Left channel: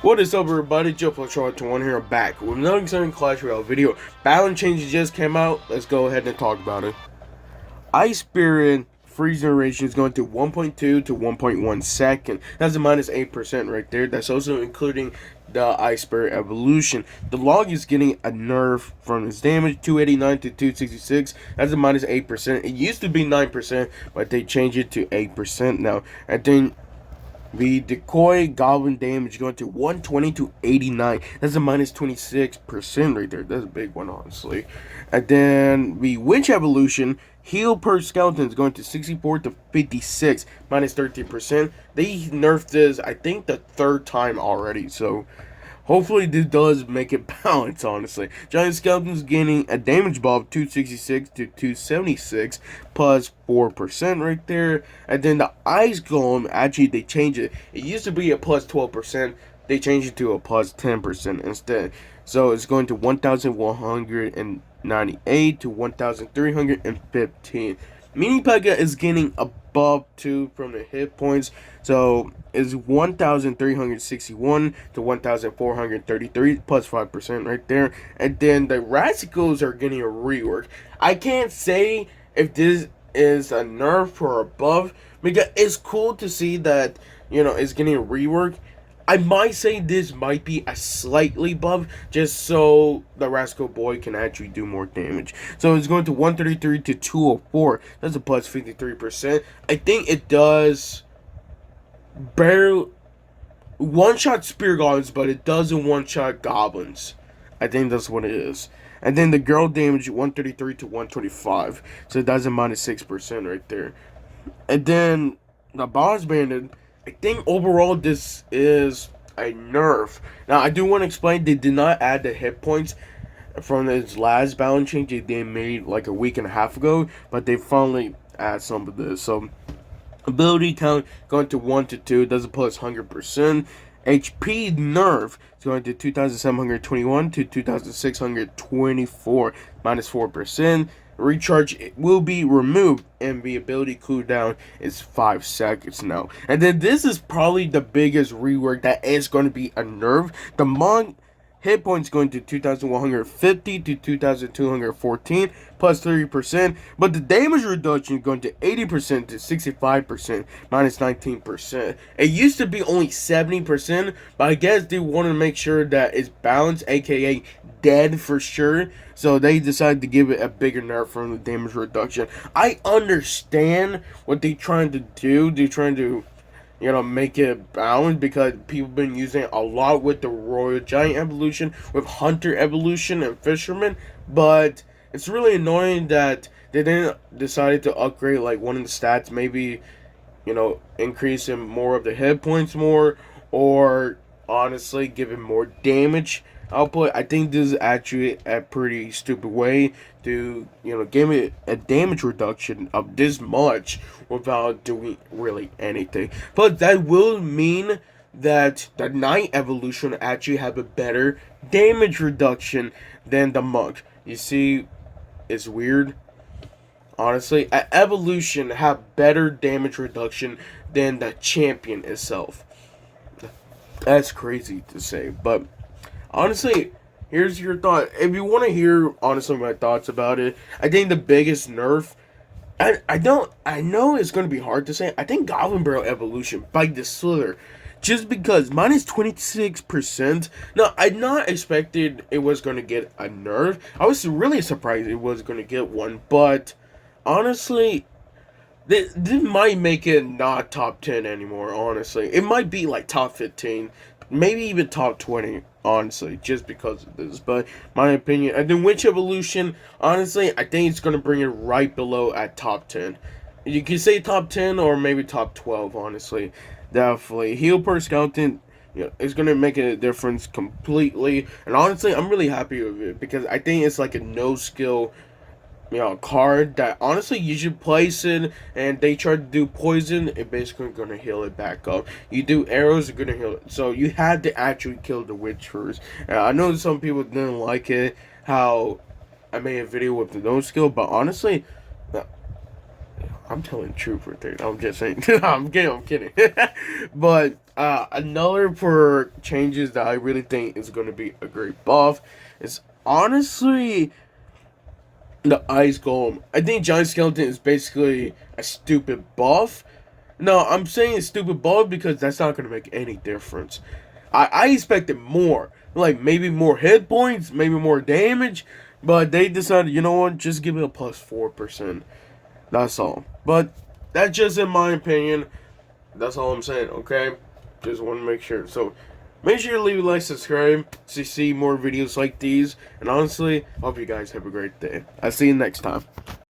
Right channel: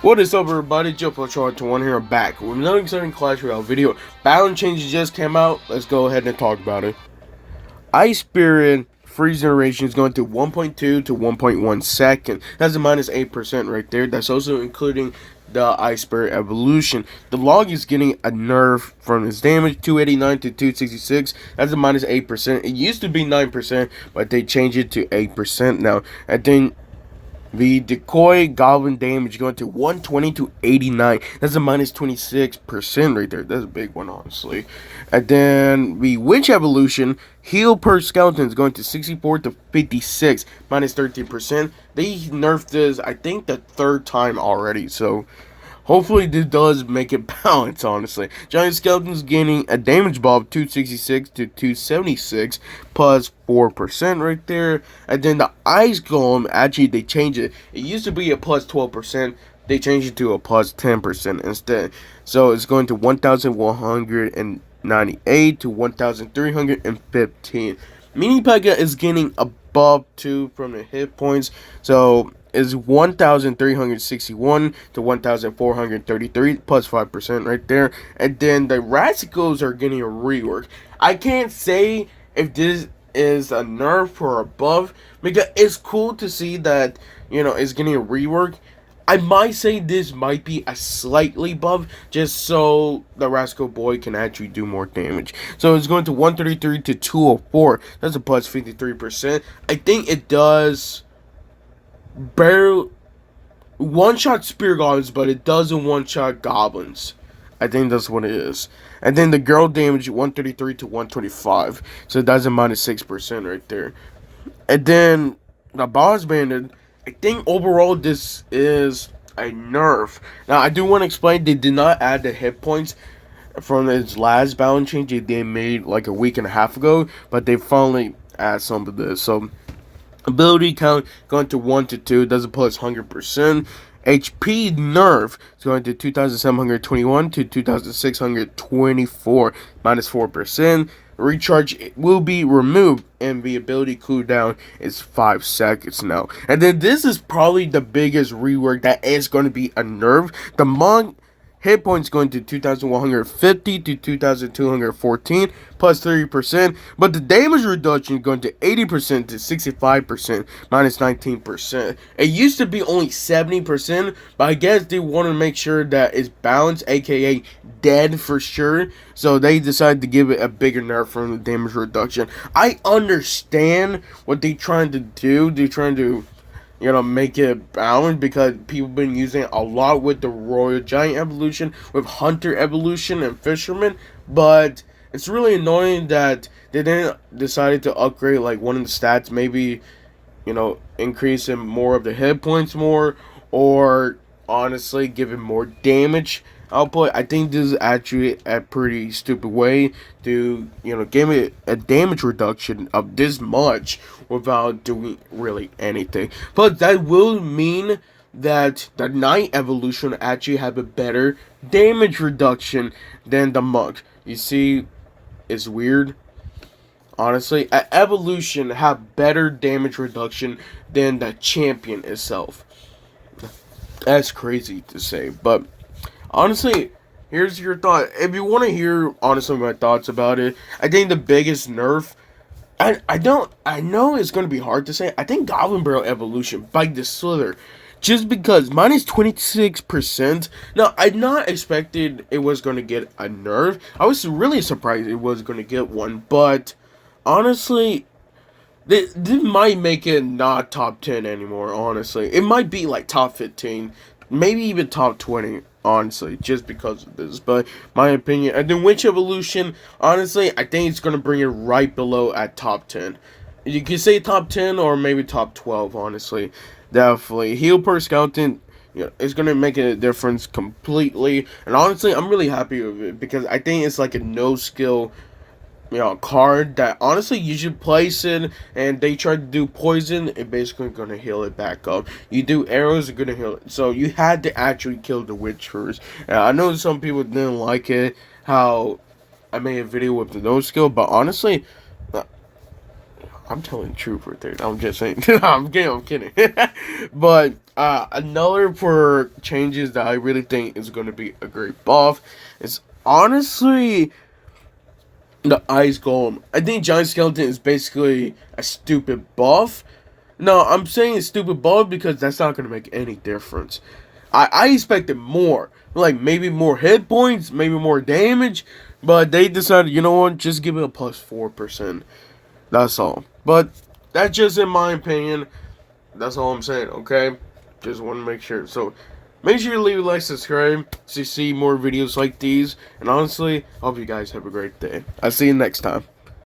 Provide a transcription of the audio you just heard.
What is up, everybody? Joe Fletcher21 here, back with another exciting Clash Royale video. Balance changes just came out. Let's go ahead and talk about it. Ice Spirit freeze duration is going to 1.2 to 1.1 second. That's a minus 8% right there. That's also including the Ice Spirit evolution. The log is getting a nerf from its damage, 289 to 266. That's a minus 8%. It used to be 9%, but they changed it to 8% now. I think the decoy goblin damage going to 120 to 89. That's a minus 26% right there. That's a big one, honestly. And then the witch evolution heal per skeleton is going to 64 to 56, minus 13%. They nerfed this, I think, the third time already. So hopefully this does make it balance, honestly. Giant Skeleton's gaining a damage buff 266 to 276 plus 4% right there. And then the Ice Golem, actually they changed it. It used to be a plus 12%. They changed it to a plus 10% instead. So it's going to 1,198 to 1,315. Mini Pekka is getting a buff 2 from the hit points. So is 1,361 to 1,433 plus 5% right there. And then the Rasicals are getting a rework. I can't say if this is a nerf or a buff because it's cool to see that, it's getting a rework. I might say this might be a slightly buff, just so the Rascal Boy can actually do more damage. So it's going to 133 to 204. That's a plus 53%. I think it does barely one-shot spear goblins, but it doesn't one-shot goblins. I think that's what it is. And then the girl damage 133 to 125. So that's a minus 6% right there. And then the boss bandit, I think overall this is a nerf. Now I do want to explain they did not add the hit points from its last balance change they made like a week and a half ago, but they finally add some of this. So ability count going to 1 to 2, doesn't plus 100%. HP nerf is going to 2,721 to 2,624, minus 4%. Recharge will be removed, and the ability cooldown is 5 seconds now. And then this is probably the biggest rework that is going to be a nerf. The monk hit points going to 2,150 to 2,214 plus 30%, but the damage reduction going to 80% to 65%, minus 19%. It used to be only 70%, but I guess they want to make sure that it's balanced, aka dead for sure. So they decided to give it a bigger nerf from the damage reduction. I understand what they're trying to do. They're trying to make it balanced because people been using it a lot with the Royal Giant evolution, with Hunter evolution and Fisherman, but it's really annoying that they didn't decide to upgrade like one of the stats, maybe, increasing more of the hit points more, or honestly giving more damage output. I think this is actually a pretty stupid way to, give it a damage reduction of this much without doing really anything. But that will mean that the Knight evolution actually have a better damage reduction than the Monk. You see, it's weird. Honestly, an evolution have better damage reduction than the champion itself. That's crazy to say, but honestly, here's your thought. If you want to hear honestly my thoughts about it, I think the biggest nerf, I know it's going to be hard to say. I think Goblin Barrel Evolution Bite the Slither, just because minus 26%. Now I not expected it was going to get a nerf. I was really surprised it was going to get one, but honestly, this might make it not top 10 anymore, honestly. It might be like top 15, maybe even top 20, honestly, just because of this. But my opinion, and then Witch Evolution, honestly, I think it's going to bring it right below at top 10. You can say top 10 or maybe top 12, honestly. Definitely. Heal per skeleton, it's going to make a difference completely. And honestly, I'm really happy with it because I think it's like a no skill card that honestly you should place it, and they try to do poison, it basically gonna heal it back up. You do arrows, are gonna heal it. So you had to actually kill the witch first. I know some people didn't like it, how I made a video with the no skill, but honestly, I'm telling the truth right there. I'm just saying. I'm kidding. But another for changes that I really think is going to be a great buff is honestly the Ice Golem. I think Giant Skeleton is basically a stupid buff. No, I'm saying it's stupid buff because that's not going to make any difference. I expected more. Like, maybe more hit points, maybe more damage. But they decided, you know what, just give it a plus 4%. That's all. But that's just in my opinion. That's all I'm saying, okay? Just want to make sure. So, make sure you leave a like, subscribe to see more videos like these. And honestly, I hope you guys have a great day. I'll see you next time.